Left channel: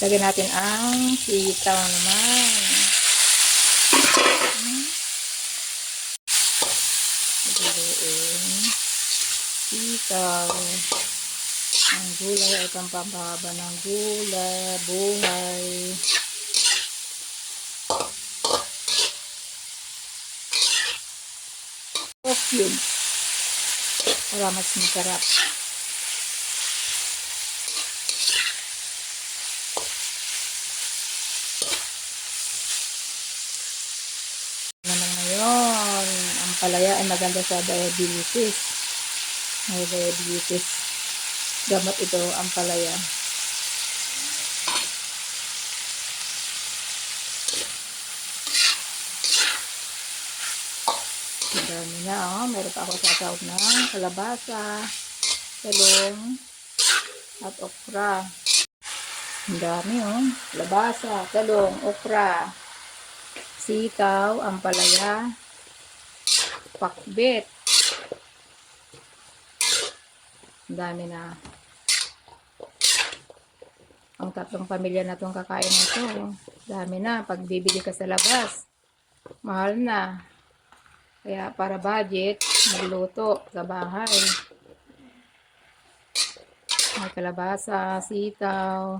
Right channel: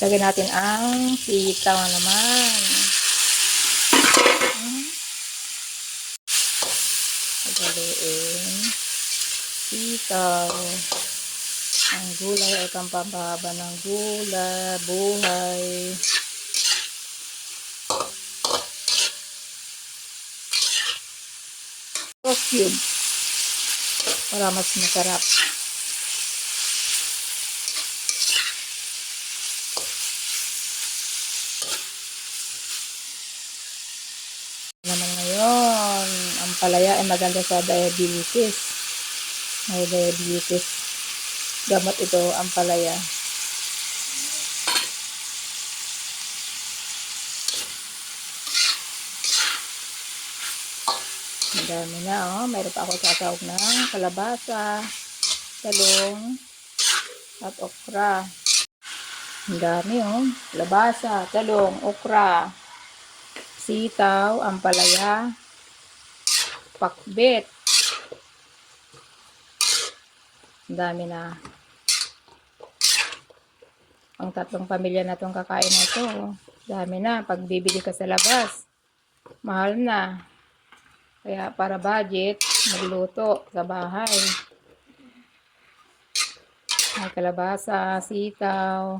Lagyan natin ang sitaw naman. Haluin. Sitaw. Ang gulay ay pampahaba ng buhay. Cube para mas masarap. Naman ngayon, ang palaya ay maganda sa diabetes. May diabetes. Gamot ito, ang palaya. Ang dami na, oh. Mayroon pa ako sasawag ng kalabasa, talong, at okra. Ang dami, oh. Kalabasa, talong, okra, sitaw, ampalaya, pakbet. Ang dami na. Ang tatlong pamilya na itong kakain na ito. Dami na. Pag bibili ka sa labas, mahal na. Kaya para budget, magluto sa bahay. May kalabasa, sitaw,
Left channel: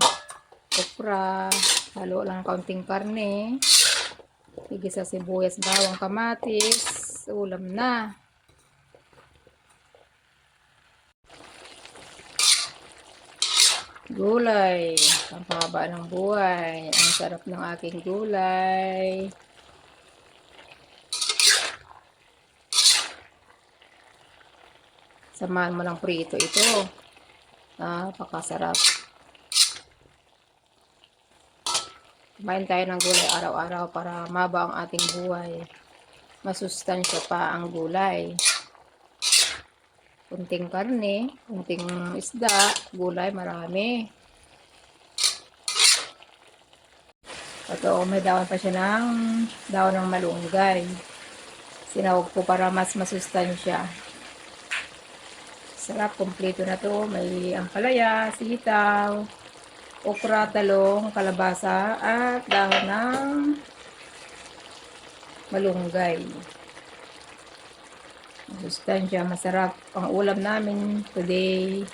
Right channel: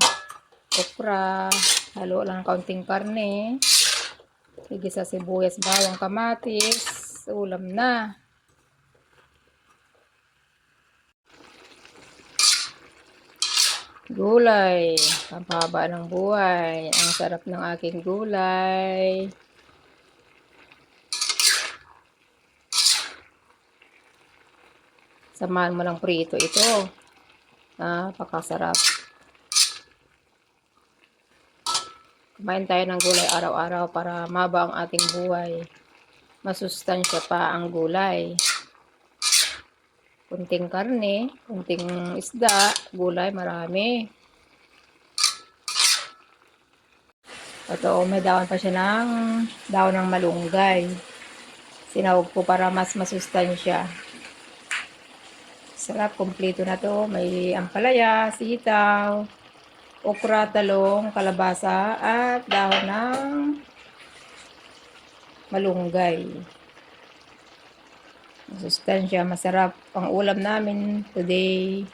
okra, halo lang kaunting karne, higit sa sibuyas, bawang, kamatis, ulam na. Gulay, ang pahaba ng buhay. Ang sarap ng aking gulay. Samahan mo ng prito ito. Napakasarap. Kumain tayo ng gulay araw-araw para maba ang ating buhay. Masustansya pa ang gulay. Kunting karne, kunting isda, gulay marami. Ito, may daon pa siya ng daon ng malunggay. Sinawag ko para mas masustansya. Sarap, kompleto na to. May ampalaya, sitaw, okra, talong, kalabasa, at dahon ng malunggay. Masustansya, masarap ang ulam namin today.